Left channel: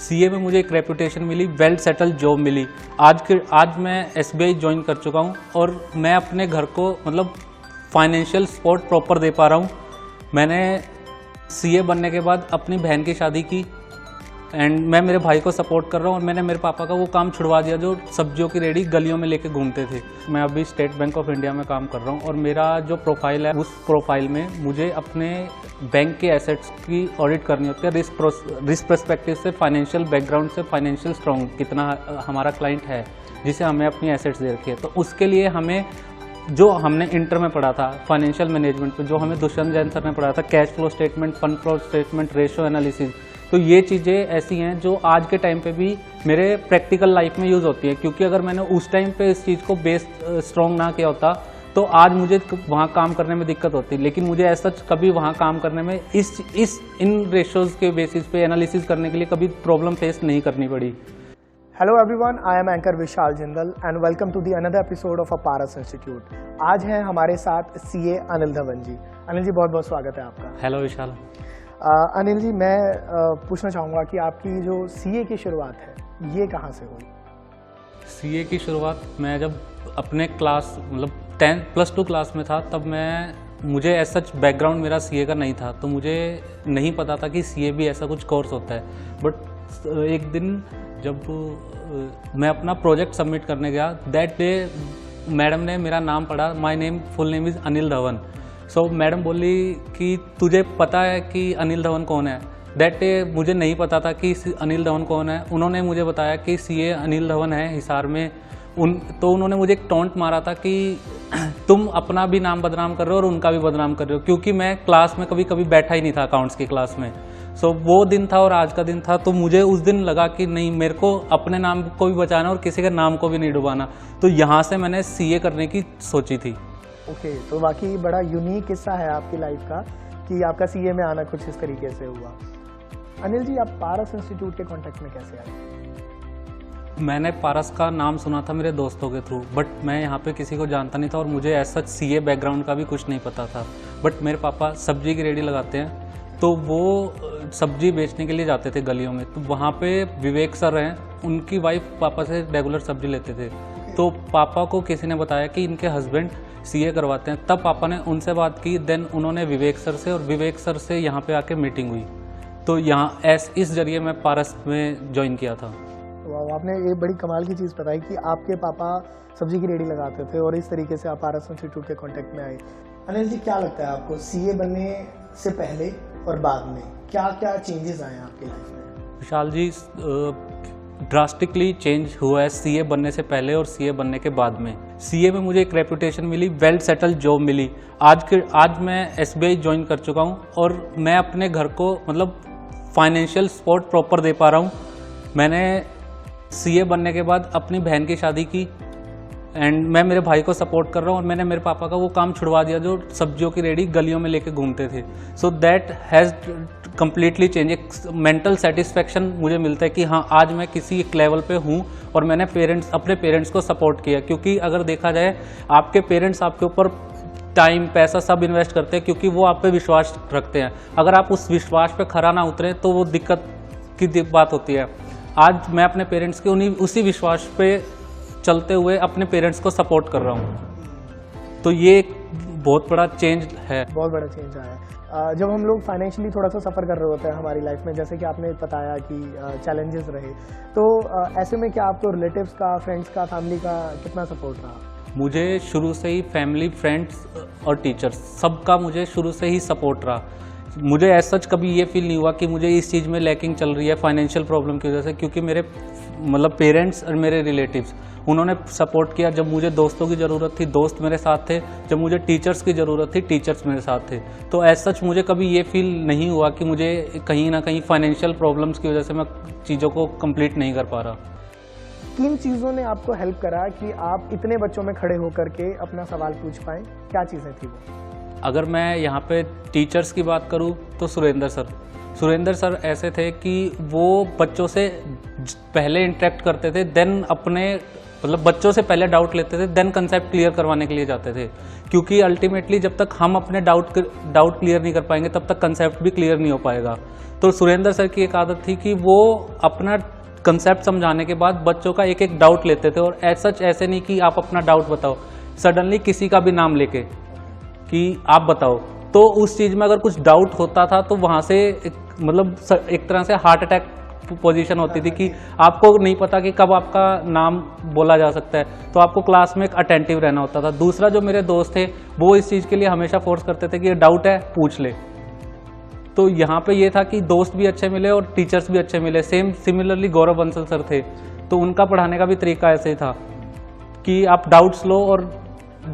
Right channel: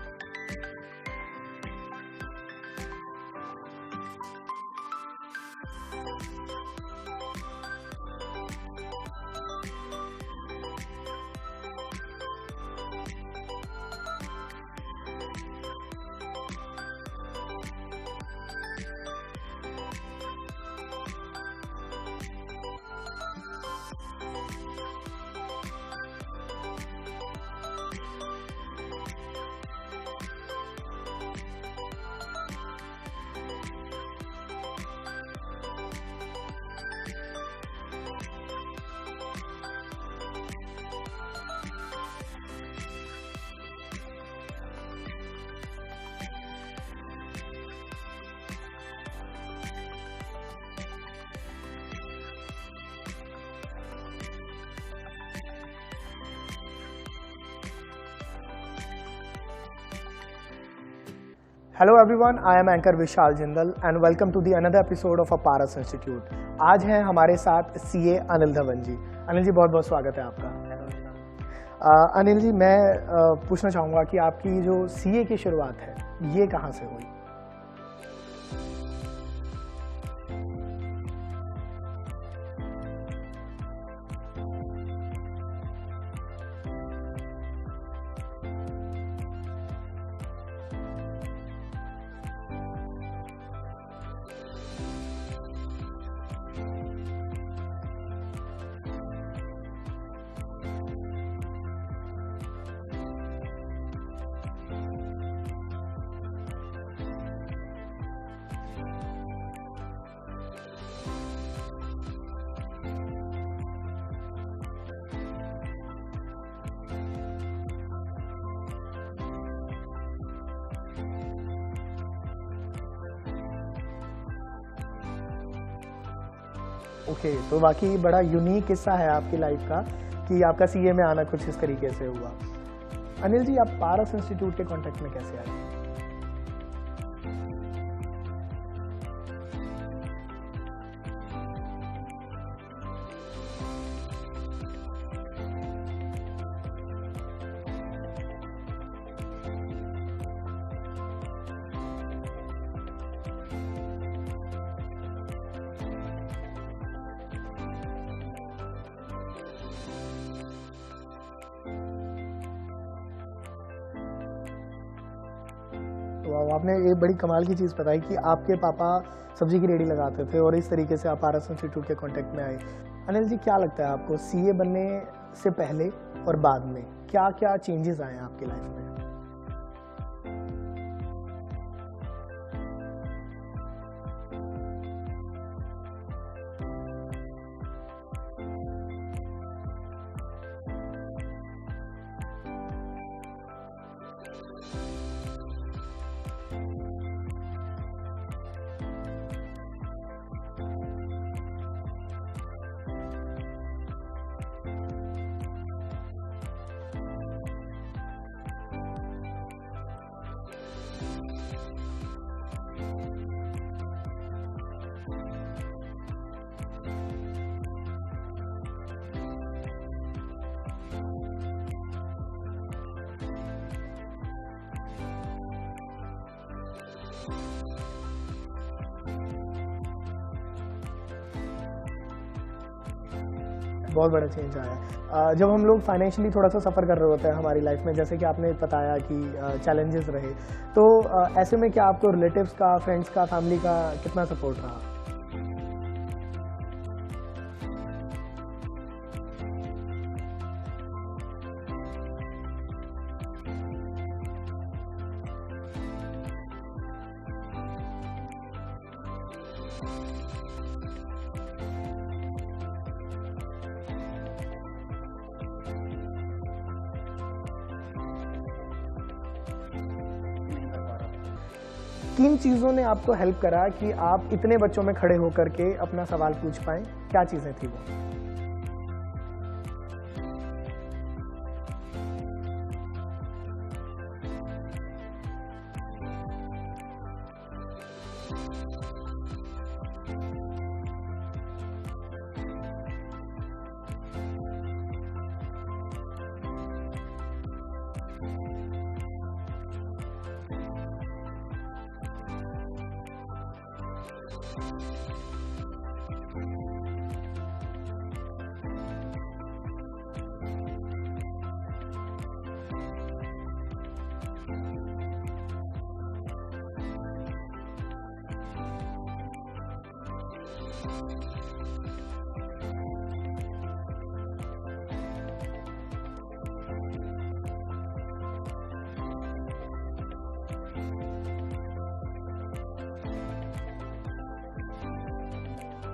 CA में मुझे एक रेपुटेशन मिली, वेल सेटल जॉब मिली। आज मैं एसबीआई ज्वाइन कर चुका हूँ और मैं अपने घर को मतलब फाइनेंशियल सपोर्ट प्रॉपर दे पा रहा हूँ। मैंने सीए बनने के बाद अपनी बहन की शादी की एंड मैं मेरे भाई को सपोर्ट कर रहा हूँ और मैंने मेरे पापा का वो काम छुड़वा दिया जो सब्जियों की रेडी गलियों में लेके घूमते थे। मैं अभी स्टेट बैंक ऑफ इंडिया में काम कर रहा हूँ और मेरा जो प्रोफाइल है उस प्रोफाइल में मुझे अपने बैंक के एसेट्स की ऑडिट करनी होती है, रिस्क पर्सपेक्टिव से, फाइनेंशियल बैकग्राउंड से, फाइनेंशियल स्ट्रॉन्ग कितना हमारा क्लाइंट है जिसे हमें अपनी एसेट्स दे रखी है। तो उसके लिए हमें जो हमने इंटर में पढ़ा था फाइनेंशियल मैनेजमेंट पे, जो हमें दुष्यंत जैन सर ने पढ़ा था, cash flow statement, fund flow statement, ratio analysis, तो ये चीज़ें ऐसी हैं जो आज के टाइम पे भी मेरे प्रैक्टिकल लाइफ में यूज़ होती है। क्योंकि अगर मैंने उस टाइम पे इस चीज़ को बेस स्ट्रॉन्ग ना किया होता तो आज मुझे वहाँ काम करने में दिक्कत होती। लेकिन मुझे ऐसा कभी वहाँ काम करने में इन रेशियोज़ के बेसिस पे एनालिसिस करने के लिए कभी प्रॉब्लम फेस नहीं करनी पड़ी। Hello everyone, I am anchor Vishal Jindal and welcome to the another episode of a Paras institute. आज हैं हमारे साथ सीए अनिल धवन जी। अनिल जी, बहुत बहुत स्वागत है आपका। हेलो विशाल। अनिल जी, मैं पूछना चाहूँगा कि आपकी जो सीए की शुरुआत है ये कहाँ से हुई? सीए की शुरुआत मैं जब अपने क्लास मतलब 10+2 क्लास में था तब मुझे ऐसा बैकग्राउंड मेरा सीए का नहीं था, तो मुझे नहीं पता था कि सीए भी ऐसा कुछ कोर्स होता है। बट एक दिन जब मैं अपना प्रोजेक्ट सबमिट करने गया, दैट डे मैडम ने मेरा नाम पढ़ा, my full name is Anil Dhawan. So madam बोली कि तुझे पता है कि अनिल धवन कौन है? दैट डे मुझे नहीं पता था कि अनिल धवन कौन है। उन्होंने मुझे बताया कि सीए अनिल धवन है हिसार में। तो उन्होंने मुझे एक टॉन्ट मारा था कि तुम अपना भी नाम बदनाम कर रहे हो और उनका भी बदनाम कर रहे हो, क्योंकि मैं क्लास में कभी बैठा ही नहीं था अकाउंट्स की क्लास में। सो वो दिन था और आज का दिन था, तो मुझे उस दिन लगा कि नहीं, मेरे को अपने नाम को भी बचाना और किसी के नाम को भी नहीं डुबाना। तो यहाँ से मैंने सीए करने की सोची थी। ओके, तो वाकई बड़ा यूनिक किस्सा है आपकी लाइफ का कि आपका सीए में आना कुछ इस तरीके से हुआ। अनिल जी, आप पारस इंस्टीट्यूट के कांटेक्ट में कैसे आए? मैंने पारस का नाम सुना था मेरे दोस्तों के थ्रू, बट मैं यहाँ पे किसी को जानता नहीं था और मुझे ऐसा सीए बैकग्राउंड का भी कुछ नहीं पता था। बट मेरे पापा सब्जी की रेडी लगाते हैं, तो वो सब्जी बेचने के लिए जाते थे गलियों में। तो वहाँ पे विवेक सर हैं, उनकी वाइफ पापा से रेगुलर सब्जी लेते थे। तो पापा को किसी ने बताया कि इनके हस्बैंड सीए करवाते हैं। तब पापा ने उनसे बात की, देन उन्होंने विवेक सर से, और विवेक सर से यहाँ पे आके मीटिंग हुई। तो यहाँ इस जरिए मैं पारस में ज्वाइन किया था। तो आपने ये बड़ी कमाल की चीज़ बताई कि आपके पापा सब्जी की रेडी लगाते थे और इस तरीके से आप पारस इंस्टीट्यूट के कांटेक्ट में आए। अनिल जी, क्या लगता है आपको सीए बनने से पहले और बाद में क्या क्या चेंजेस आए हैं आपकी लाइफ में? विशाल जी, ड्रास्टिकली चेंज हुआ है सीए बनने से पहले और सीए बनने के बाद में। सीए में मुझे एक रेपुटेशन मिली, वेल सेटल जॉब मिली। आज मैं एसबीआई ज्वाइन कर चुका हूँ और मैं अपने घर को मतलब फाइनेंशियल सपोर्ट प्रॉपर दे पा रहा हूँ। मैंने सीए बनने के बाद अपनी बहन की शादी की एंड मैं मेरे भाई को सपोर्ट कर रहा हूँ और मैंने मेरे पापा का वो काम छुड़वा दिया जो सब्जियों की रेडी गलियों में लेके घूमते थे। So that has completely change. एक मेंटल सेटिस्फेक्शन मुझे मिलता है कि हाँ, आज मैं किसी एक लेवल पे हूँ और मैंने अपने पेरेंट्स को सपोर्ट किया। क्योंकि अगर देखा जाए, आपके पेरेंट्स आपके ऊपर टाइम, पैसा सब इन्वेस्ट करते हैं क्योंकि वो आप पे विश्वास रखते हैं। अगर आप उस विश्वास पे खरा ना उतरें तो वो दिक्कत की बात होती है। आज मैं अपने पेरेंट्स के उसी विश्वास पे चलते हुए अपने पेरेंट्स को सपोर्ट कर रहा हूँ। तो ये एक बहुत बड़ा चेंज है। बहुत बड़ा चेंज आया है। जब हम लोग फाइनेंशियली थोड़ा सा सफ़र कर रहे होते हैं हमारी लाइफ में, जैसे कि आपने बताया कि चैलेंजेस रहे, तो ऐसे में क्या आपको रिलेटिव्स का, फ्रेंड्स का, फैमिली का कितना सपोर्ट रहा? मुझे शुरू से ही फैमिली, फ्रेंड्स और टीचर्स सबका मुझे शुरू से ही सपोर्ट रहा। मुझे ऐसा सच कभी ये फील नहीं हुआ कि मुझे इस चीज़ में लैकिंग चल रही है फाइनेंशियल प्रॉब्लम की वजह से, क्योंकि मेरे मतलब पेरेंट्स और मेरे रिलेटिव्स उन्होंने सपोर्ट किया। जब मुझे दोस्तों की ज़रूरत थी, दोस्त मेरे साथ थे। जब मुझे टीचर्स की ज़रूरत थी, टीचर्स मेरे साथ थे। तो ऐसा सच मुझे कभी ये फील नहीं हुआ कि मुझे कहीं ना कहीं फाइनेंशियल प्रॉब्लम्स की वजह से मैं चीज़ों को कंप्लीट नहीं कर पा रहा। किन चीज़ों ने आपको हेल्प करा कि आप इतने बच्चों में खड़े होकर के अपना सवाल पूछ पाएँ? क्या चीज़ें थी वो? अगर मैं यहाँ पे टीचर्स की बात करूँ तो सुरेंद्र सर ऐसे थे कि वो बच्चों से पहले इंटरेक्ट करते थे, देन अपने मतलब बच्चों से पहले डाउट लेते थे, देन कंसेप्ट क्लियर करवाने के लिए जाते थे। क्योंकि अल्टीमेटली जब तक हम अपने डाउट क्लियर नहीं कर पाएंगे तब तक कंसेप्ट भी क्लियर नहीं हो पाएगा। तो सुरेंद्र सर की एक आदत थी कि वो अपना कंसेप्ट समझाने के बाद बच्चों का एक एक डाउट लेते थे, और ऐसे नहीं कि आप अपना डाउट बताओ, सडनली किसी का भी नाम लेके कि आप बताओ। तो उस चीज़ में अगर कुछ डाउट होता था तो वहाँ से मतलब एक तरह से हार्ट अटैक पोजीशन होती थी कि आपको नहीं पता कि कब आपका नाम बोला जा सकता है, तो आपको क्लास में एक अटेंटिव रहना होता था। दूसरा, जो मेरे दोस्त थे वो इस चीज़ के लिए हमेशा फोर्स करते थे कि ये डाउट है पूछ ले। तो यहाँ पे ये था कि दोस्त भी अच्छे मिले और टीचर्स भी अच्छे मिले। सिमिलरली गौरव बंसल सर थे, तो उनका पढ़ाने का भी तरीका ऐसे ही था कि आप डाउट्स लो और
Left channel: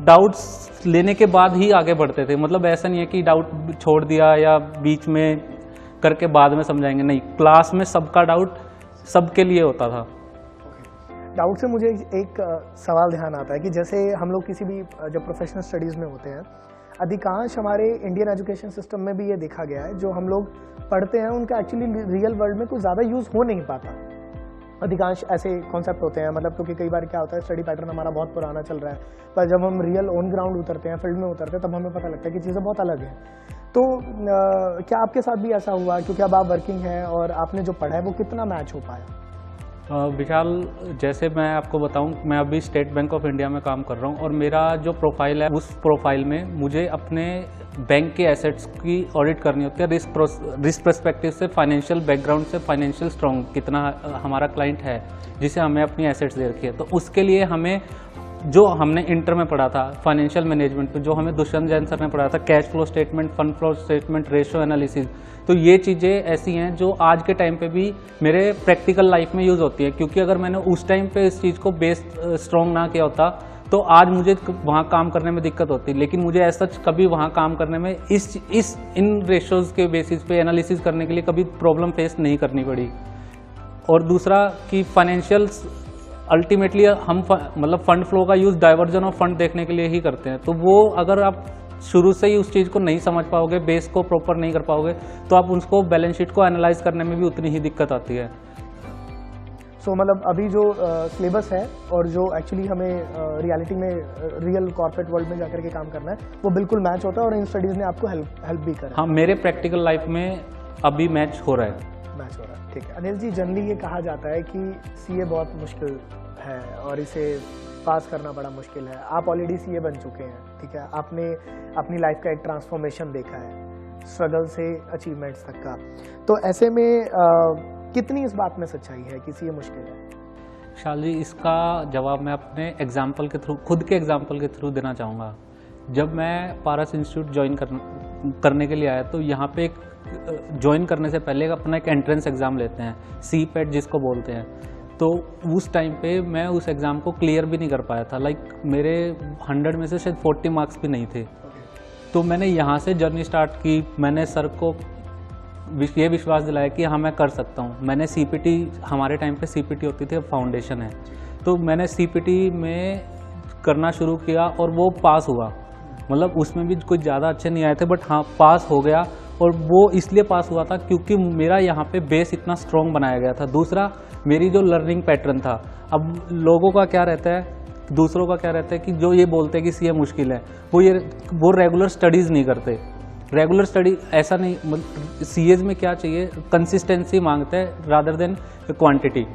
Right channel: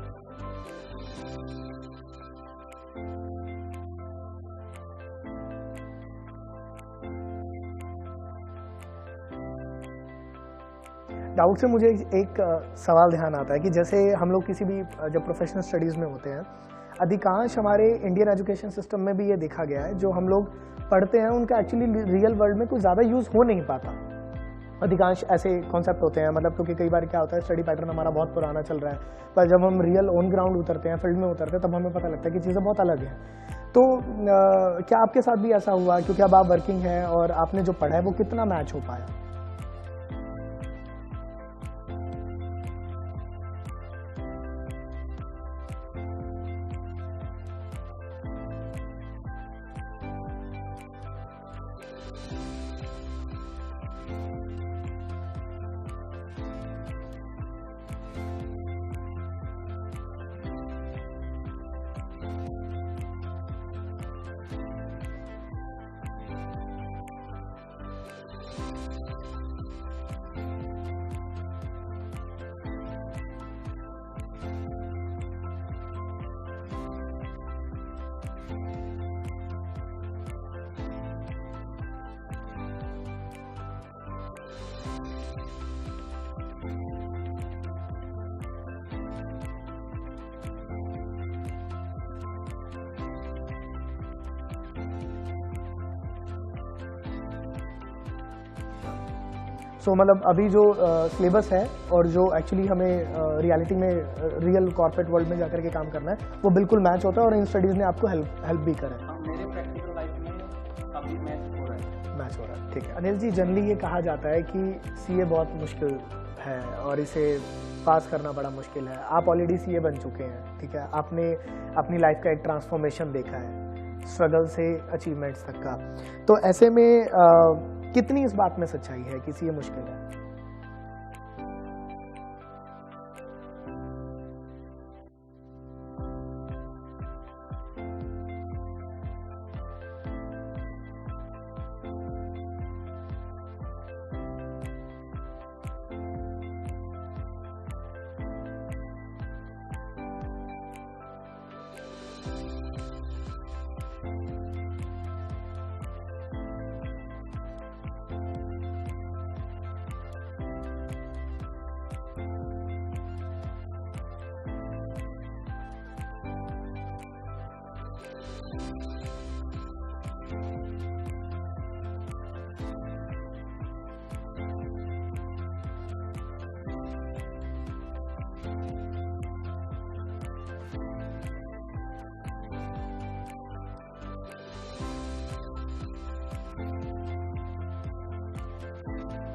डाउट्स लेने के बाद ही आगे बढ़ते थे। मतलब ऐसा नहीं है कि डाउट छोड़ दिया या बीच में करके बाद में समझाएंगे, नहीं, क्लास में सबका डाउट सबके लिए होता था। डाउट से मुझे एक सवाल ध्यान आता है कि जैसे हम लोग किसी भी जब प्रोफेशनल स्टडीज़ में होते हैं, अधिकांश हमारे इंडियन एजुकेशन सिस्टम में भी ये देखा गया है, जो हम लोग पढ़ते हैं उनका एक्चुअली रियल वर्ल्ड में कुछ ज़्यादा यूज़ हो नहीं पाता। अधिकांश ऐसे कॉन्सेप्ट होते हैं, मतलब क्योंकि कई बार क्या होता है, स्टडी पैटर्न हमारा बहुत पुराना चल रहा है, पर जब हम रियल ऑन ग्राउंड उतरते हैं, फील्ड में उतरते हैं, तब हमें पता लगता है कि चीज़ें बहुत अलग हैं। तो क्या आपके साथ भी ऐसा हुआ, क्योंकि अब आप वर्किंग हैं और आपने जो पढ़ा है वो कितना मैच हो पाया? विशाल, जैसे मैं आपको बताऊं, मैं अभी स्टेट बैंक ऑफ इंडिया में काम कर रहा हूं और मेरा जो प्रोफाइल है, उस प्रोफाइल में मुझे अपने बैंक के एसेट्स की ऑडिट करनी होती है, रिस्क पर्सपेक्टिव से, फाइनेंशियल बैकग्राउंड से, फाइनेंशियल स्ट्रॉन्ग कितना हमारा क्लाइंट है जिसे हमें अपनी एसेट्स दे रखी है। तो उसके लिए हमें, जो हमने इंटर में पढ़ा था फाइनेंशियल मैनेजमेंट पे, जो हमें दुष्यंत जैन सर ने पढ़ा था, cash flow statement, fund flow statement, ratio analysis, तो ये चीज़ें ऐसी हैं जो आज के टाइम पे भी मेरे प्रैक्टिकल लाइफ में यूज़ होती है। क्योंकि अगर मैंने उस टाइम पे इस चीज़ को बेस स्ट्रॉन्ग ना किया होता तो आज मुझे वहाँ काम करने में दिक्कत होती। लेकिन मुझे ऐसा कभी वहाँ काम करने में इन रेशियोज़ के बेसिस पे एनालिसिस करने के लिए कभी प्रॉब्लम फेस नहीं करनी पड़ी। और दूसरा कि फाइनेंशियल अल्टीमेटली हम मतलब फंड फ्लो का यूज़ डाइवर्जन ऑफ फंड देखने के लिए ही करते हैं। तो वो अगर आप शुरू से ही उस चीज़ को नहीं समझ पाओगे, बेस को प्रॉपर नहीं कर पाओगे, तो आप उसको बैलेंस शीट को एनालाइज करने में भी उतनी ही दिक्कत आती है। सो मतलब अभी जो सिलेबस है और जो एक्चुअली हमें रियलिटी में रियल कॉर्पोरेट वर्ल्ड में जाकर के काम करना है, वो बिल्कुल मैच होता है और इन स्टडीज़ ने आपको हेल्प भी करा। हाँ, मेरे प्रैक्टिकल लाइफ में अभी मैच हो रहा है। मैच हो रहा है, ठीक है। अनिल जी, जनरली ये कहा जाता है कि सीए बहुत मुश्किल है और इसे पास करना बड़ा मुश्किल है। आप ऑलरेडी सीए बन चुके हैं, ठीक है, आपने अपनी लाइफ का एक ट्रांसफॉर्मेशन देखा है, स्ट्रगल से अचीवमेंट्स तक का। तो ऐसे में कितनी इस बात में सच्चाई है कि सीए मुश्किल है? विशाल जी, इसका जवाब मैं अपने एग्जाम्पल के थ्रू, खुद के एग्जाम्पल के थ्रू देना चाहूँगा। जब मैं पारस इंस्टीट्यूट ज्वाइन करने के लिए आया, तो यहाँ पे एक ज्वाइन करने से पहले अपना एक एंट्रेंस एग्ज़ाम लेते हैं, CPET जिसको बोलते हैं। तो उस टाइम पे मैं उस एग्ज़ाम को क्लियर भी नहीं कर पाया था। लाइक मेरे 100 में से शायद 40 मार्क्स भी नहीं थे। तो मैंने यहाँ से जर्नी स्टार्ट की। मैंने सर को ये विश्वास दिलाया कि हाँ, मैं कर सकता हूँ। मैंने CPT, हमारे टाइम पे CPT होती थी, अब फाउंडेशन है, तो मैंने CPT में करना शुरू किया और वो पास हुआ। मतलब उसमें भी कुछ ज़्यादा अच्छे नहीं आए थे, बट हाँ, पास हो गया। और वो इसलिए पास हुआ था क्योंकि मेरा यहाँ पे बेस इतना स्ट्रॉन्ग बनाया गया था। दूसरा, मेरी जो लर्निंग पैटर्न था, अब लोगों का क्या रहता है, दूसरों का क्या रहता है कि जो ये बोलते हैं कि सीए मुश्किल है, वो रेगुलर स्टडीज़ नहीं करते। रेगुलर स्टडी ऐसा नहीं, मतलब सीएज में क्या चाहिए, कंसिस्टेंसी मांगता है रादर देन क्वांटिटी।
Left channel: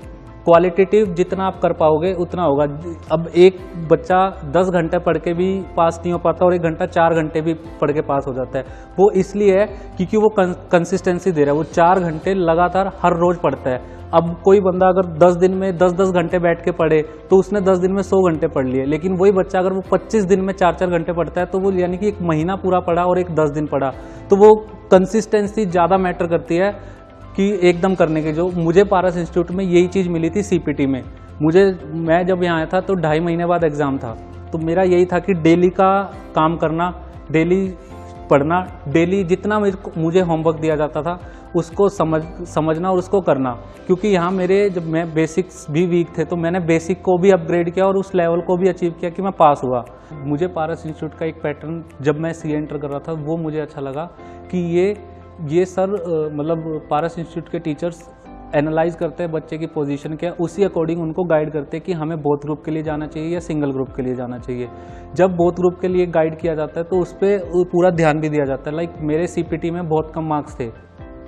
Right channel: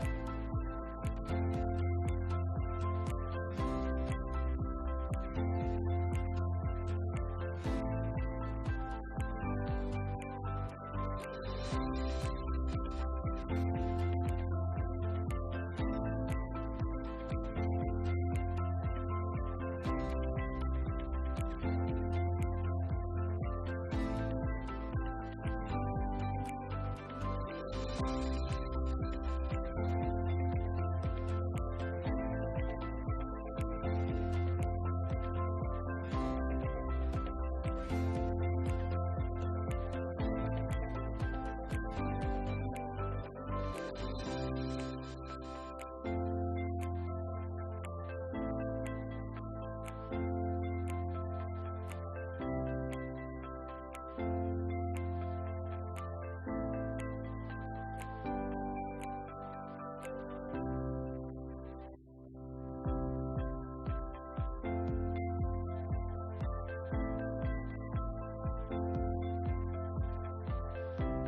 क्वालिटेटिव जितना आप कर पाओगे उतना होगा। अब एक बच्चा 10 घंटे पढ़ के भी पास नहीं हो पाता और 1 घंटा 4 घंटे भी पढ़ के पास हो जाता है। वो इसलिए है क्योंकि वो कंसिस्टेंसी दे रहा है, वो 4 घंटे लगातार हर रोज़ पढ़ता है। अब कोई बंदा अगर 10 दिन में 10-10 घंटे बैठ के पढ़े तो उसने 10 दिन में 100 घंटे पढ़ लिए। लेकिन वही बच्चा अगर वो 25 दिन में 4-4 घंटे पढ़ता है तो वो यानी कि 1 महीना पूरा पढ़ा और 10 दिन पढ़ा। तो वो कंसिस्टेंसी ज़्यादा मैटर करती है कि एकदम करने के। जो मुझे पारस इंस्टीट्यूट में यही चीज़ मिली थी CPT में। मैं जब यहाँ आया था तो 2.5 महीने बाद एग्ज़ाम था। तो मेरा यही था कि डेली का काम करना, डेली पढ़ना, डेली जितना मुझे होमवर्क दिया जाता था उसको समझना और उसको करना। क्योंकि यहाँ जब मैं बेसिक्स भी वीक थे तो मैंने बेसिक को भी अपग्रेड किया और उस लेवल को भी अचीव किया कि मैं पास हुआ। मुझे पारस इंस्टीट्यूट का एक पैटर्न जब मैं CA एंटर कर रहा था वो मुझे अच्छा लगा कि ये सर मतलब पारस इंस्टीट्यूट के टीचर्स एनालाइज करते हैं बच्चे की पोजीशन क्या, उसी अकॉर्डिंग उनको गाइड करते हैं कि हमें बोथ ग्रुप के लिए जाना चाहिए या सिंगल ग्रुप के लिए जाना चाहिए। जब बोथ ग्रुप के लिए गाइड किया जाता है तो उस पर पूरा ध्यान भी दिया जाता है। लाइक मेरे CPT में बहुत कम मार्क्स थे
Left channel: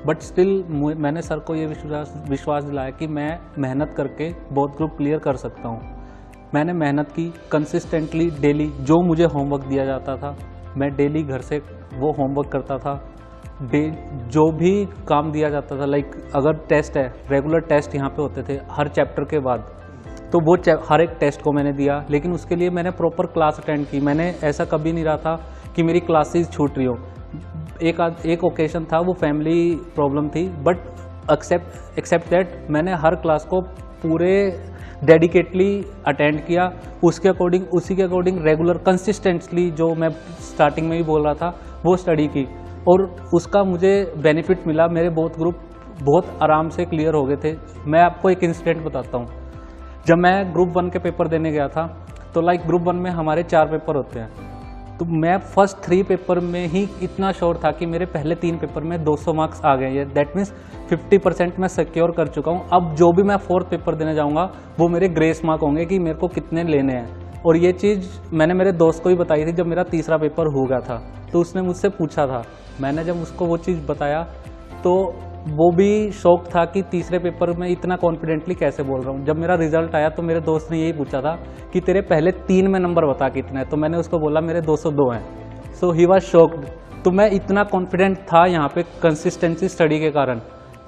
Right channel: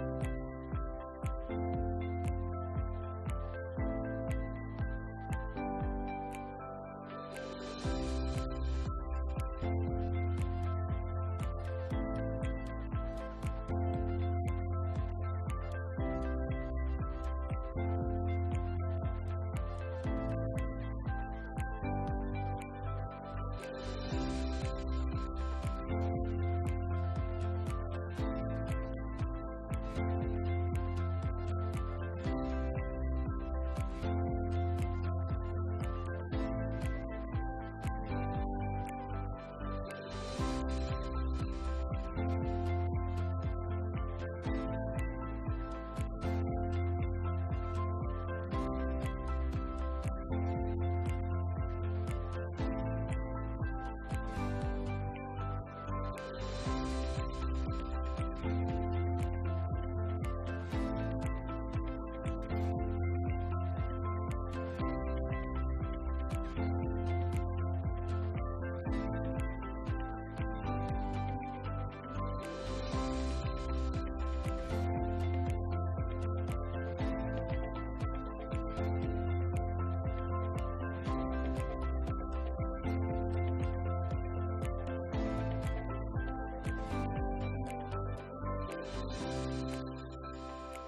बट स्टिल मैंने सर को ये विश्वास दिलाया कि मैं मेहनत करके बोथ ग्रुप क्लियर कर सकता हूँ। मैंने मेहनत की कंसिस्टेंटली डेली, जो मुझे होमवर्क दिया जाता था मैं डेली घर से वो होमवर्क करता था। जो भी काम दिया जाता था, लाइक अगर टेस्ट है, रेगुलर टेस्ट यहाँ पे होते थे हर चैप्टर के बाद, तो वो हर एक टेस्ट को मैंने दिया, लेकिन उसके लिए मैंने प्रॉपर क्लास अटेंड की। मैंने ऐसा कभी नहीं रहा था कि मेरी क्लासेस छूट रही हो। एक ओकेशन था, वो फैमिली प्रॉब्लम थी, बट एक्सेप्ट दैट मैंने हर क्लास को पूरे डेडिकेटली अटेंड किया, उसी के अकॉर्डिंग रेगुलर कंसिस्टेंटली, जो मैं स्टार्टिंग में ही बोल रहा था, वो स्टडी की, और उसका मुझे बेनिफिट मिला। मेरे बोथ ग्रुप बहुत आराम से क्लियर हो गए थे। मैं आपको एक इंसिडेंट बताता हूँ। जब मैं ग्रुप 1 के पेपर देने गया था, तो लाइक ग्रुप 1 में हमारे 4 पेपर होते हैं, तो मैं फर्स्ट 3 पेपर में ही इतना श्योर था कि मेरे पहले 3 पेपर में 200 मार्क्स आ गए हैं। दैट मीन्स 50% मैं सिक्योर कर चुका हूँ। अब जो भी मैं 4th पेपर देने जाऊँगा वो मेरे ग्रेस मार्क होंगे कि मेरे को कितने लेने हैं। और ये चीज़ मैंने मेरे दोस्त को ही बताई थी जब मेरा तीसरा पेपर हो गया था, तो उसने मुझसे पूछा था। मैंने जब उसको वो चीज़ बताया तो वो भी शौक था कि तीसरे पेपर में इतना कॉन्फिडेंटली कैसे बोल रहा हूँ। जब मेरा रिजल्ट आया तो मेरे दोस्त ने यही पूछा था कि तेरे पहले 3 में नंबर बता कितने हैं, तो मैंने उसको बोला मेरे 202 हैं। सो ही वाज शॉक्ड। तो मैं इतना कॉन्फिडेंट था यहाँ पे कंसिस्टेंसी स्टडी के कारण।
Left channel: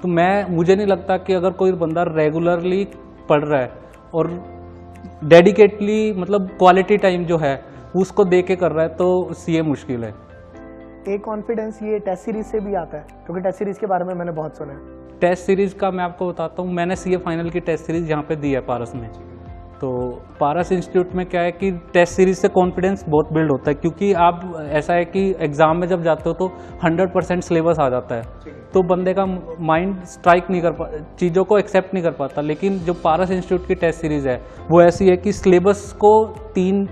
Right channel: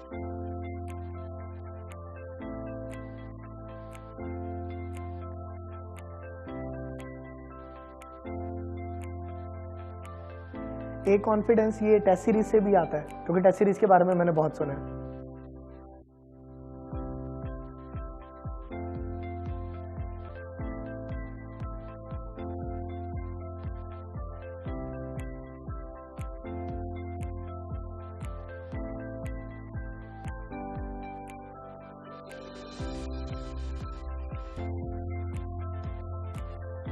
तो मुझे नहीं लगता कि अगर कोई बंदा रेगुलरली पढ़ रहा है और डेडिकेटली, मतलब क्वालिटी टाइम जो है उसको दे के कर रहा है, तो सीए मुश्किल है। एक कॉन्फिडेंस ये टेस्ट सीरीज से भी आता है, क्योंकि टेस्ट सीरीज के बारे में मैंने बहुत सुना है। टेस्ट सीरीज़ का मैं आपको बताता हूँ। मैंने सीए फाइनल की टेस्ट सीरीज़ यहाँ पे दी है पारस में। तो पारस इंस्टीट्यूट में क्या है कि टेस्ट सीरीज से कॉन्फिडेंस बहुत बिल्ड होता है, क्योंकि आप ऐसा है कि एग्ज़ाम में जब जाते हो तो 100% सिलेबस आ जाता है, तो बंदे का माइंड स्ट्राइक नहीं कर पाता, चीज़ों को एक्सेप्ट नहीं कर पाता। लेकिन जो पारस इंस्टीट्यूट की टेस्ट सीरीज़ है वो ऐसी है कि सिलेबस को 3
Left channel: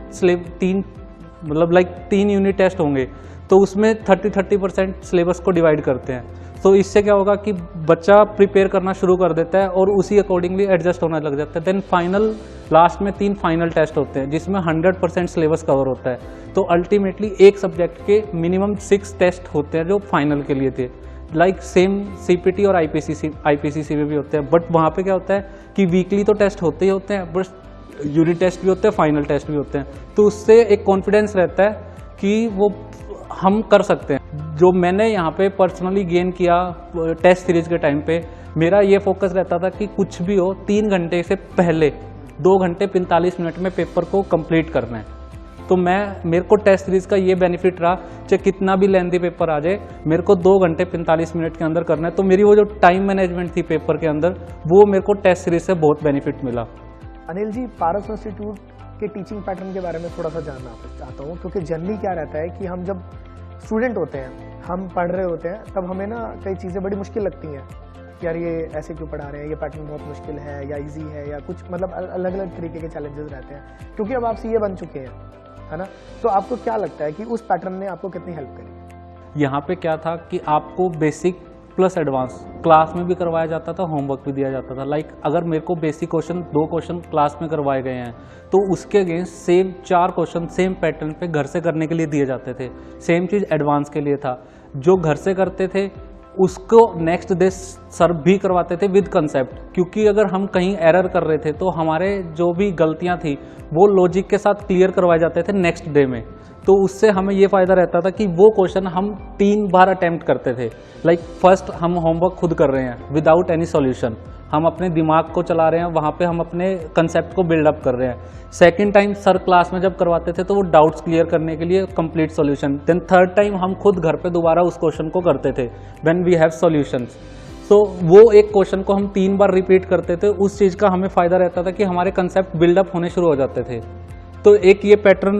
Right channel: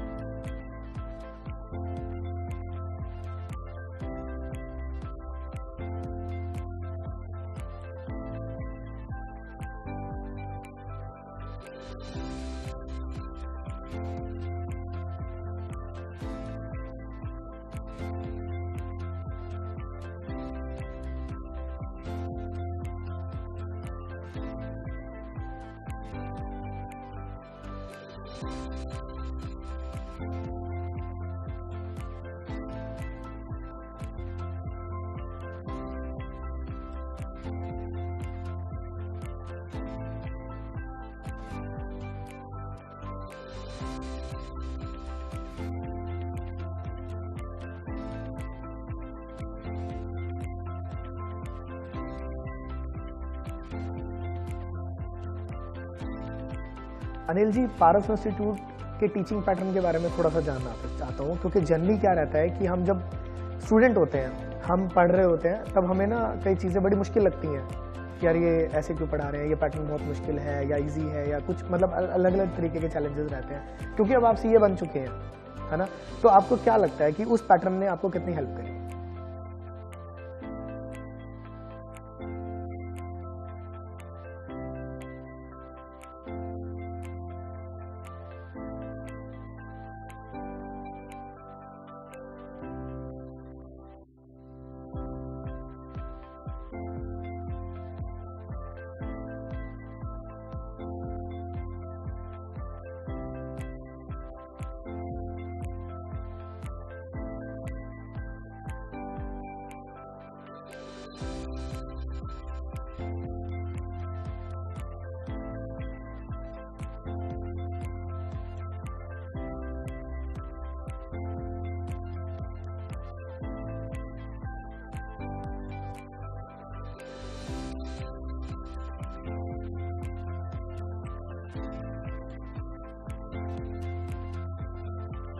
यूनिट टेस्ट होंगे, तो उसमें 30% सिलेबस को डिवाइड करते हैं। तो इससे क्या होगा कि बच्चा प्रिपेयर करना शुरू कर देता है और उसी अकॉर्डिंगली एडजस्ट होने लग जाता है। देन फाइनल, लास्ट में 3 फाइनल टेस्ट होते हैं जिसमें 100% सिलेबस कवर होता है। तो अल्टीमेटली एक सब्जेक्ट के मिनिमम 6 टेस्ट होते हैं जो फाइनल के लिए थे। लाइक सेम सीपीटी और आईपीसीसी में भी होते हैं, बट वहाँ पे क्या होता है कि वीकली तो टेस्ट होते ही होते हैं, बट यूनिट टेस्ट भी होते हैं, फाइनल टेस्ट भी होते हैं। तो उससे एक कॉन्फिडेंस रहता है कि वो हम कर सकते हैं। जो मैंने यहाँ पे पर्सनली गेन किया टेस्ट सीरीज के टाइम पे, मेरा ये फोकस रहता था कि कुछ भी हो 3 घंटे से पहले 2 घंटे 45 मिनट में पेपर को कंप्लीट करना है। तो मेरे को टेस्ट सीरीज का ये बेनिफिट रहा, चाहे कितना भी लेंथी पेपर आ जाए, मेरे को 2 घंटे 45 मिनट के अंदर करना है। तो मेरी वो जो टाइम मैनेजमेंट थी पेपर के अंदर, वो मेरे को टेस्ट सीरीज से बहुत बेनिफिट मिला। अनिल जी, पारस इंस्टीट्यूट के टीचिंग पैटर्न के बारे में थोड़ा सा जानना चाहता हूँ, क्योंकि जनरली क्या रहता है कि हम जब स्टूडेंट होते हैं, हम पढ़ रहे होते हैं, तब हमें ना कई चीज़ें बड़ी मुश्किल लगती हैं कि यार ये ऐसे क्यों पढ़ा रहे हैं, ये पैटर्न बहुत मुश्किल है या इजी है, या कुछ मतलब अलग अलग तरीके के चैलेंजेस रहते हैं। क्योंकि अब आप सीए बन चुके हैं, है ना, तो आपको क्या लगता है कि उस पैटर्न ने आपको कितनी हेल्प करी? यहाँ पे क्या था कि आपको बेसिक प्लस एडवांस क्लास में भी करवाया जाता था, होमवर्क भी दिया जाता था। लाइक अगर मेरे को बेसिक क्वेश्चन 2 क्वेश्चन क्लास में करवाए गए हैं, तो उसके against same 4 question same pattern पे घर से करने के लिए दिए जाते थे। सेम चीज़ एडवांस के लिए था। जो घर से करते थे उसको नेक्स्ट डे सर भी करवाते थे विद कंसेप्ट, क्योंकि अगर हम कहीं एरर कर रहे थे तो हमारे जो भी गलतियां थी वो लॉजिक के साथ क्लियर करवाए जाते थे नेक्स्ट डे में। तो उससे हमें ये फ़ायदा रहता था कि वो क्वेश्चन हम 3 बार अटैम्प्ट करते थे। लाइक फर्स्ट हम होमवर्क खुद कर रहे हैं विदाउट एनी सॉल्यूशन, हम अपने दिमाग को चला रहे हैं, वहाँ पे हम अपने कंसेप्ट को बिल्डअप कर रहे हैं। सेकंड टाइम सर क्लास में जब करवाते थे तो वो डाउट्स क्लियर करने के लिए complete solution. Then third time हम खुद घर पे दोबारा उस क्वेश्चन को करते थे व्हेन वी हैव सॉल्यूशंस। तो वो एक क्वेश्चन को हम 3 बार रिपीट करते थे। उस चीज़ का हमें फ़ायदा रहता था कि हमारे कंसेप्ट बिल्डअप होने शुरू हो जाते थे। तो एक ये पैटर्न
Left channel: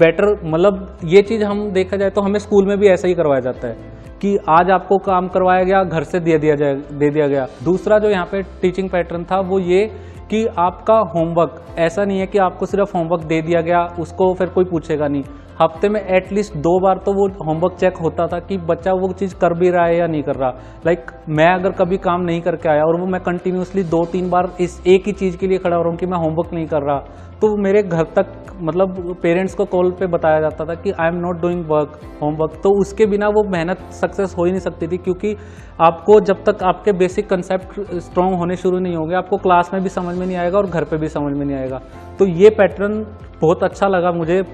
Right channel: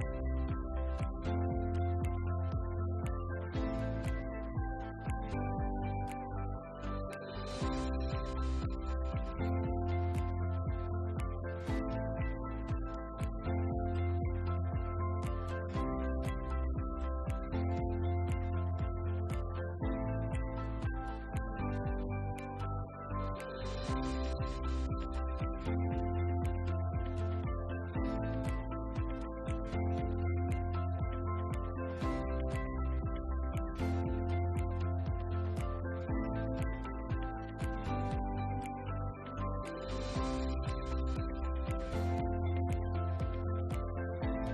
बेटर, मतलब ये चीज़ हम देखा जाए तो हमें स्कूल में भी ऐसा ही करवाया जाता है कि आज आपको काम करवाया गया, घर से दे दिया गया। दूसरा जो यहाँ पे टीचिंग पैटर्न था वो ये कि आपका होमवर्क ऐसा नहीं है कि आपको सिर्फ होमवर्क दे दिया गया, उसको फिर कोई पूछेगा नहीं। हफ्ते में एटलीस्ट 2 बार तो वो होमवर्क चेक होता था कि बच्चा वो चीज़ कर भी रहा है या नहीं कर रहा। लाइक मैं अगर कभी काम नहीं करके आया और वो मैं कंटिन्यूसली 2-3 बार इस एक ही चीज़ के लिए खड़ा हो रहा हूँ कि मैं होमवर्क नहीं कर रहा, तो मेरे घर तक मतलब पेरेंट्स को कॉल पे बताया जाता था कि I am not doing work homework. तो उसके बिना वो मेहनत सक्सेस हो ही नहीं सकती थी, क्योंकि आपको जब तक आपके बेसिक कंसेप्ट स्ट्रॉन्ग होने शुरू नहीं होंगे, आपको क्लास में भी समझ में नहीं आएगा और घर पे भी समझ में नहीं आएगा। तो ये पैटर्न बहुत अच्छा लगा मुझे।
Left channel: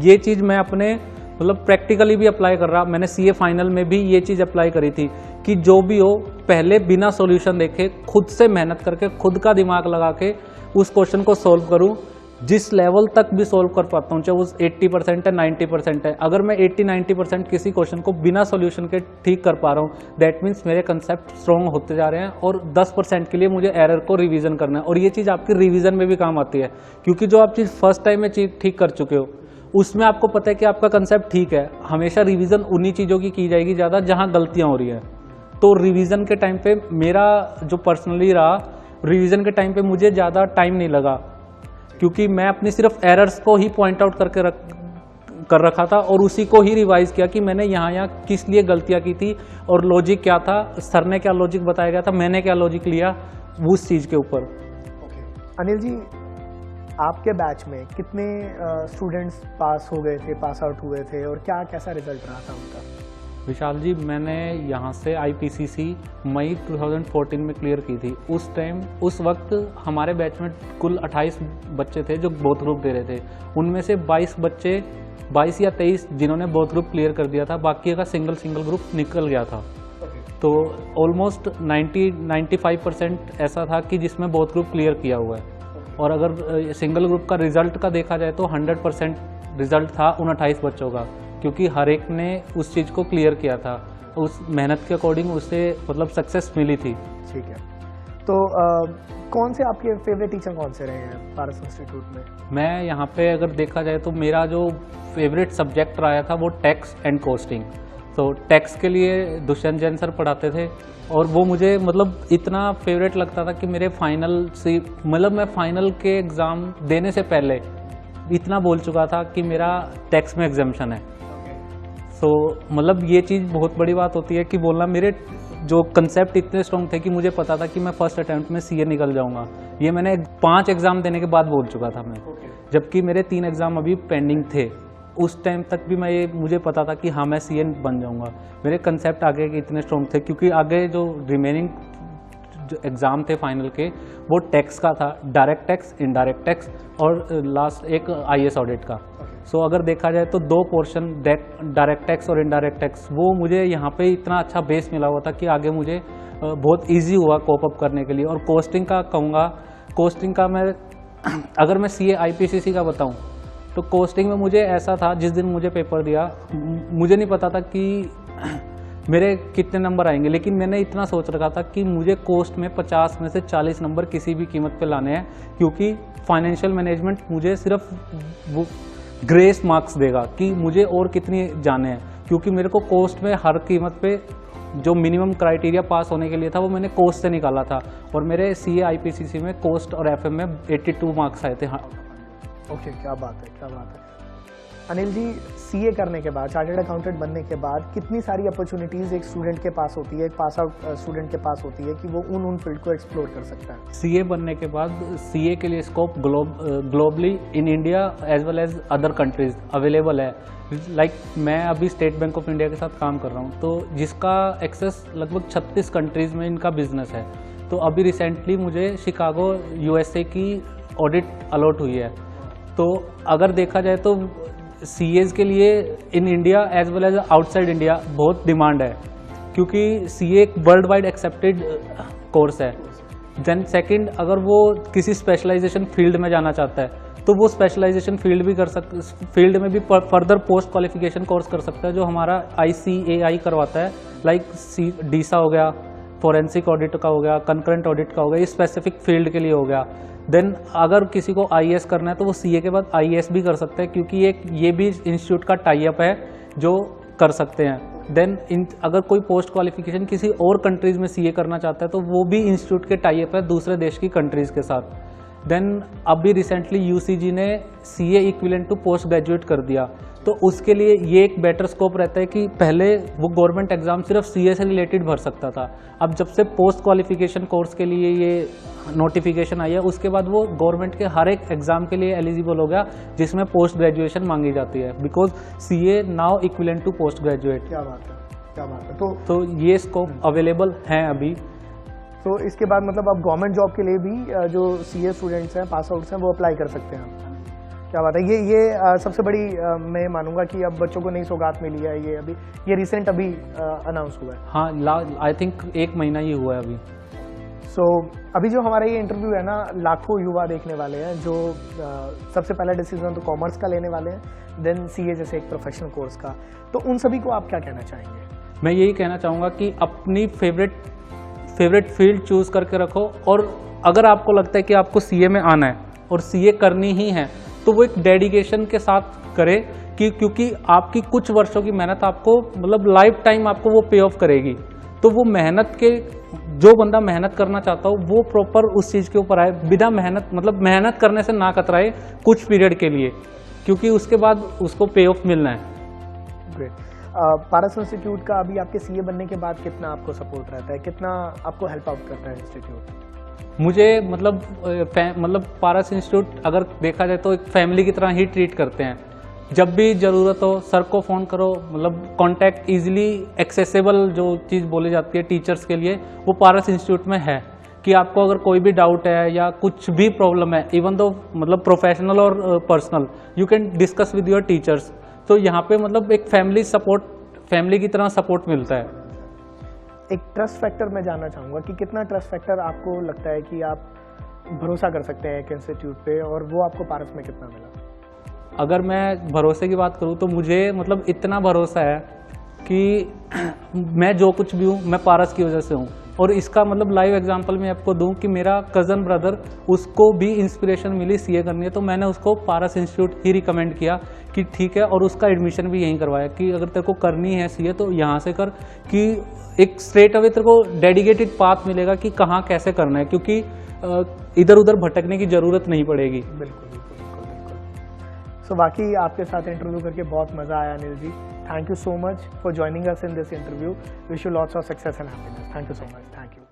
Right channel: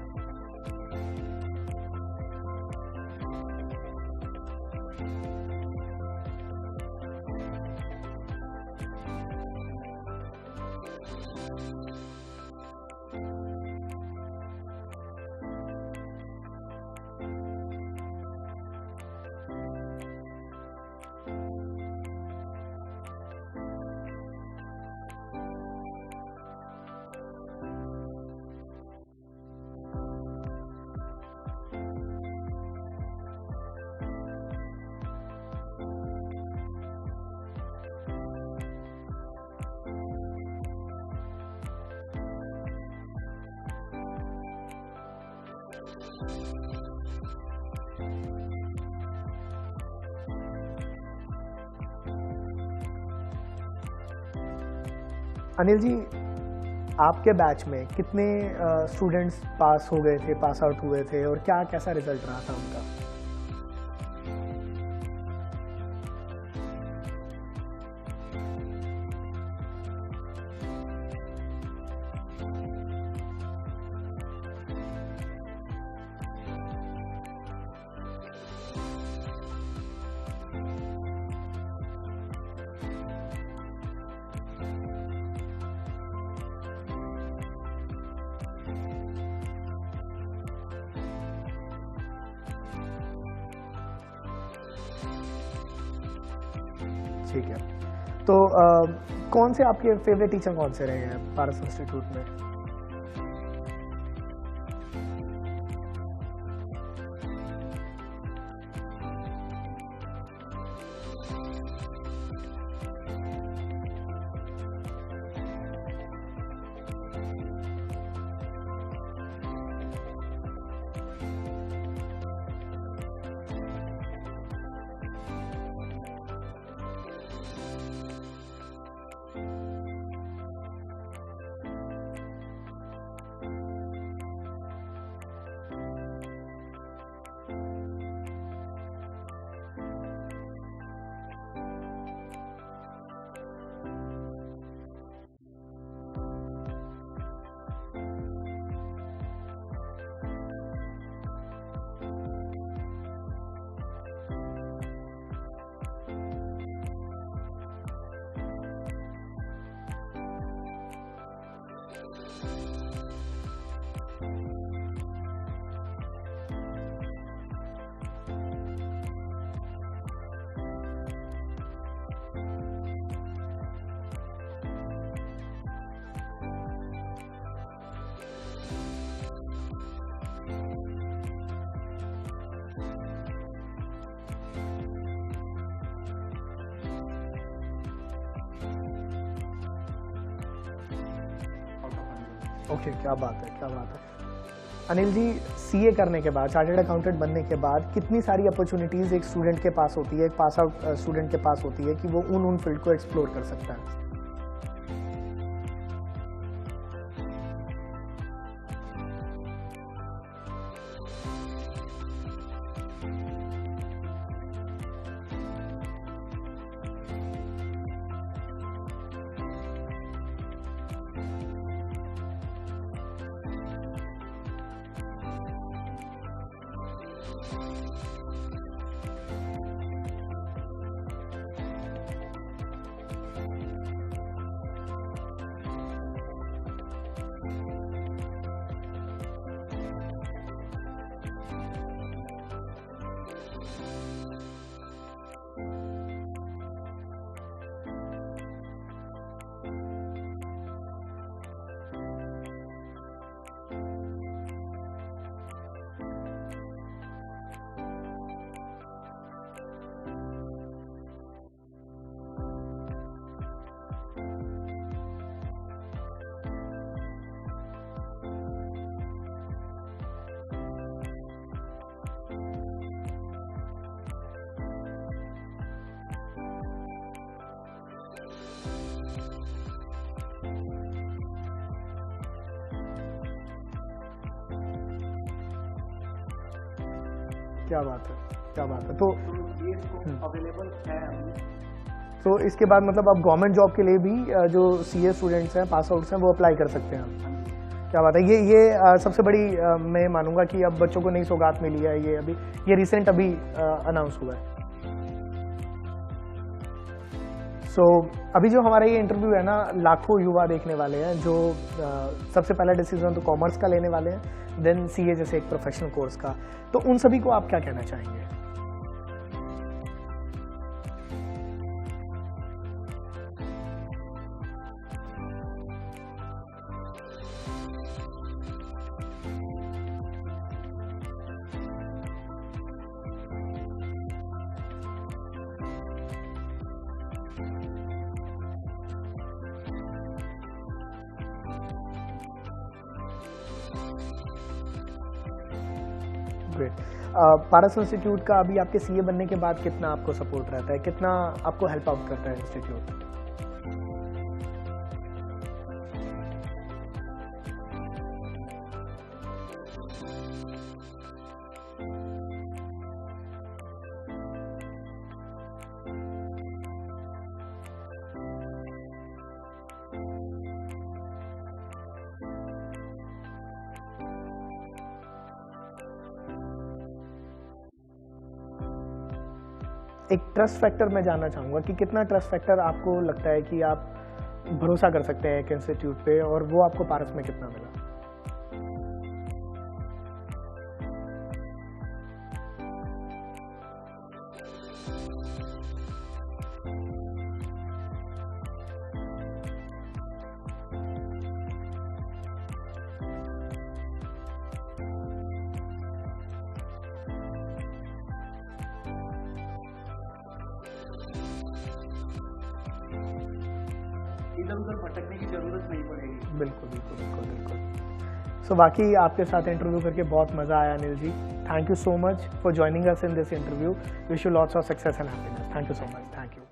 ये चीज़ मैं अपने मतलब प्रैक्टिकली भी अप्लाई कर रहा। मैंने सीए फाइनल में भी ये चीज़ अप्लाई करी थी कि जो भी हो पहले बिना सॉल्यूशन देखे खुद से मेहनत करके खुद का दिमाग लगा के उस क्वेश्चन को सॉल्व करूं। जिस लेवल तक भी सॉल्व कर पाता हूँ, चाहे वो 80% है 90% है, अगर मैं 80-90% किसी क्वेश्चन को बिना सॉल्यूशन के ठीक कर पा रहा हूँ, दैट मीन्स मेरे कंसेप्ट स्ट्रॉन्ग होते जा रहे हैं। और 10% के लिए मुझे एरर को रिवीजन करना है, और ये चीज़ आपकी रिवीजन में भी काम आती है, क्योंकि जो आप चीज़ फर्स्ट टाइम में चीज़ ठीक कर चुके हो उसमें आपको पता है कि आपका कंसेप्ट ठीक है। हमेशा रिवीजन उन्हीं चीज़ों की जाएगी ज़्यादा जहाँ गलतियाँ हो रही हैं। तो रिवीजन के टाइम पे मेरा जो पर्सनली रहा, रिवीजन के टाइम पे मुझे ज़्यादा टाइम नहीं लगा, क्योंकि मैं अपनी सिर्फ एरर्स को ही पॉइंट आउट करके कर रखा था और उसी को ही रिवाइज किया कि मैंने यहाँ किस लिए गलतियाँ की थी और लॉजिक क्या था, सर ने क्या लॉजिक बताया गया था, मैंने क्या लॉजिक लिया उस चीज़ के ऊपर। अनिल जी, आपके बैच में कितने स्टूडेंट्स पास हो गए थे, पास आउट हुए थे, और क्या कैसा रिजल्ट रहा था उनका? विशाल जी, मैंने यहाँ से IPCC मई 2014 में क्लियर की थी। उस वक्त हमारे बैच में कुल 28 बच्चे थे जो बोथ ग्रुप दे रहे थे। उनमें से 22 या 23 जिन्होंने बोथ ग्रुप क्लियर कर दिया था, बाकी का सिंगल ग्रुप निकल गया था। तो ऑलमोस्ट 90-95% ऐसा था कि जिसमें बोथ ग्रुप क्लियर किया हुआ है। और अगर सिंगल ग्रुप का रिजल्ट का देखा जाए तो 100% रिजल्ट था उन 28 बच्चों का, क्योंकि हर एक ने उस चीज़ को क्लियर किया था, उस मेहनत के अकॉर्डिंग उसे मतलब सक्सेस मिली थी। ठीक है, तो कौन से आपके फेवरेट टीचर कौन से रहे हैं पारस इंस्टीट्यूट में? मैं यहाँ पे अगर देखा जाए तो मेरा जो फेवरेट सब्जेक्ट रहा था वो टैक्स एंड कॉस्टिंग। तो टैक्स के लिए दुष्यंत जैन सर पढ़ाते थे और वो मुझे मतलब इतना फेवरेट लगता था कि मेरे फाइनल से मतलब मैं फाइनल के एग्ज़ाम देने से पहले इतना बोल चुका था कि मेरा टैक्स में एग्जाम्शन है। तो मतलब ये चीज़ बहुत बड़ी बात होती है कि बोलना, मेरे जो कंसेप्ट इतने स्ट्रॉन्ग थे कि मुझे पता था कि मैं फर्स्ट अटैम्प्ट में सीए निकल जाऊंगा। ये मैंने 5 एग्ज़ाम देने के बाद बोल चुका था मैं, जबकि मेरे 3 एग्ज़ाम अभी पेंडिंग थे। उस टाइम तक भी मुझे पता था कि हाँ मैं सीए बन जाऊंगा। मेरे कंसेप्ट आगे के इतने स्ट्रॉन्ग थे, क्योंकि आगे जो रिमेनिंग जो एग्ज़ाम थे फाइनल के वो टैक्स का था, डायरेक्ट टैक्स, इनडायरेक्ट टैक्स और लास्ट एक IAS ऑडिट का। सो अगर देखा जाए तो 2 पोर्शन डायरेक्ट टैक्स और इनडायरेक्ट टैक्स, वो मुझे यहाँ पे इतना अच्छा बेस मिला हुआ था कि आगे मुझे बहुत इजी हुआ कोप अप करने के लिए। और कोस्टिंग का कहूँगा, कोस्टिंग का मैं अगर मैं CA IPCC का बताऊँ तो कोस्टिंग में मुझे ऐसा था, जिस दिन मुझे पेपर दिया मुझे नहीं पता था कि मेरे कितने नंबर आएंगे, लेकिन मैंने इतना सोच रखा था कि मुझे कोस्ट में 50 में से 40 नंबर किसी भी कीमत पे लाने हैं, क्योंकि फाइनेंशियल मैनेजमेंट मुझे सिर्फ वो ग्रेस मार्क्स देगा कि मुझे और कितनी जाने हैं, क्योंकि मेरे को कोस्ट में हर कीमत पे जो मिनिमम क्राइटेरिया पास होने के लिए था वो मैंने कोस्ट से निकाला था। और मेरे CA IPCC में कोस्ट और FM में 82 मार्क्स आए थे। हाँ, ओके, क्या बात है, क्या बात है। अनिल जी, CA करने के बाद, चार्टर्ड अकाउंटेंट बनने के बाद कितनी सारी अपॉर्चुनिटीज़ एक स्टूडेंट के पास होती है, एक पास आउट स्टूडेंट के पास होती है कि वो उन फील्ड को एक्सप्लोर कर सकता है? CA बनने के बाद CA के लिए scope globally in India as well as other countries available है। लाइक मैं अभी स्टेट बैंक ऑफ इंडिया के साथ काम कर रहा हूँ, तो जिसका एक्सेस लगभग 36 कंट्रीज़ में इनका बिजनेस है। तो अभी रिसेंटली मुझे शिकागो USA की ऑडिट अलॉट हुई है। तो अगर देखा जाए तो CAs के लिए in India as well as outside India बहुत डिमांड है, क्योंकि CA एक वर्ल्ड वाइड एक्सेप्टेड कोर्स है। देन सेकंड, अगर वो किसी स्पेशलाइजेशन फील्ड में जाना चाहता है तो वो स्पेशलाइजेशन फील्ड भी कर सकते, फील्ड में भी फर्दर पोस्ट क्वालिफिकेशन कोर्स कर सकता है, जो हमारा ICAI करवाता है। लाइक DISA हो गया, फोरेंसिक ऑडिट का हो गया, कंकरेंट ऑडिट का हो गया, ये स्पेसिफिक फील्ड के लिए हो गया। देन अगर किसी को IAS करना है तो वो CA के बाद IAS भी कर सकते हैं, क्योंकि ये भी इंस्टीट्यूट का टाई अप है जो कर सकते हैं। देन अगर कोई पोस्ट क्वालिफिकेशन किसी और कंट्रीज़ में CA करना चाहता है तो वो भी इंस्टीट्यूट के टाई अप है दूसरे देश की कंट्रीज़ के साथ। देन अभी रिसेंटली यूसीजी ने CA equivalent to post graduate कर दिया, तो उसके लिए ये एक बेटर स्कोप रहता है कि पहले वो गवर्नमेंट एग्ज़ाम सिर्फ सीए से रिलेटेड भर सकता था। अब जब से पोस्ट क्वालिफिकेशन कोर्स के लिए ये नोटिफिकेशन आई है, उसके बाद वो गवर्नमेंट के हर एक एग्ज़ाम के लिए एलिजिबल हो गया जिसमें पोस्ट ग्रेजुएशन मांगी जाती है, because CA now equivalent to post graduate. क्या बात है, क्या बात है। तो ये स्कोप अवेलेबल हैं अभी। तो इसके बाद मतलब अब गवर्नमेंट जॉब के लिए भी जो सीए स्टूडेंट्स हैं, पास आउट्स हैं, वो अप्लाई कर सकते हैं। क्या बात है। ये सबसे बड़ी मैं मानूंगा कि अब बच्चों को नई सौगात मिली है। ये अभी ये रिसेंट अभी अनाउंस हुआ है। हाँ, आई थिंक 1 महीना ही हुआ है अभी। सो अभी जो हमारा ये इंटरव्यू है ना, लाखों युवा देखने वाले हैं जो सबसे पहला डिसीजन तो कॉमर्स का लेने वाले हैं, देन सीए जैसे एक प्रोफेशनल कोर्स का। तो उन सभी को आप क्या कहना चाहेंगे? मैं यही कहना चाहूँगा कि अपनी फेवरेट फील्ड चूज़ करके रखो, और अगर आपको लगता है कि आपको सीए में आना है और सीए करनी ही है, तो वो एक डेडिकेशन के साथ करें क्योंकि आपकी कुछ वर्षों की मेहनत आपको मतलब लाइफ टाइम आपको वो पे ऑफ करेगी। तो वो मेहनत के जो बंदा मेहनत करना चाहता हो वो प्रॉपर उस चीज़ के ऊपर आए, बिना मेहनत करने से ना कतराए कुछ पीरियड के लिए, क्योंकि उसके बाद उसको पे ऑफ मिलना है। ग्रेट। पारस इंस्टीट्यूट का अभी आपके सीए बनने के बाद कितना आपको सपोर्ट रहता है, कितना आपको हेल्प आउट करता है इंस्टीट्यूट? मुझे मतलब पारस इंस्टीट्यूट अगर देखा जाए तो एक फैमिली की तरह ही ट्रीट करते हैं। जब भी ज़रूरत हो सर को फ़ोन करो, मतलब कांटेक्ट इजीली एक्सेसिबल जो चीज़ बोली जाती है टीचर्स के लिए, वो पारस इंस्टीट्यूट में है कि आपको अगर कोई भी डाउट है या कुछ भी प्रॉब्लम है, इवन दो मतलब प्रोफेशनल और personal, you can discuss with your teachers. तो यहाँ पे मतलब एक फैमिली की तरह सपोर्ट मिलता है। एक ट्रस्ट फैक्टर मैं जानना चाहूँगा कि कितना ट्रस्ट फैक्टर आपको लगता है कि आप भरोसा कर सकते हैं एक इंस्टीट्यूट पे, और वो आपको पारस में कितना मिला? अगर मैं भरोसे की बात करूँ तो मुझे मतलब इतना भरोसा है कि मैं जो कुछ भी हूँ मैं पारस की वजह से हूँ। और इसका मतलब लाइव एग्जांपल मैं आपको दूँ कि मेरा कज़न ब्रदर, उसको भी इंस्पिरेशन मिली सीए करनी है, तो मैंने उसको पारस इंस्टीट्यूट ही रिकमेंड किया कि ठीक है, और उसका एडमिशन भी यहीं करवाया कि अगर तेरे को करनी है सीए तो यहाँ से कर, कि एक स्ट्रेट अवे तेरे को डेडिकेटेड पाथ मिलेगा कि कहाँ कैसे करना है, क्योंकि इधर उधर भटकने की ज़रूरत नहीं पड़ेगी। बिल्कुल बिल्कुल बिल्कुल बिल्कुल। सो बाकी आपके साथ इंटरव्यू करके बहुत मज़ा आया Anil ji. Thank you so much for joining us in this interview. Wish you lots of success and happiness. Thank you so much. Thank you.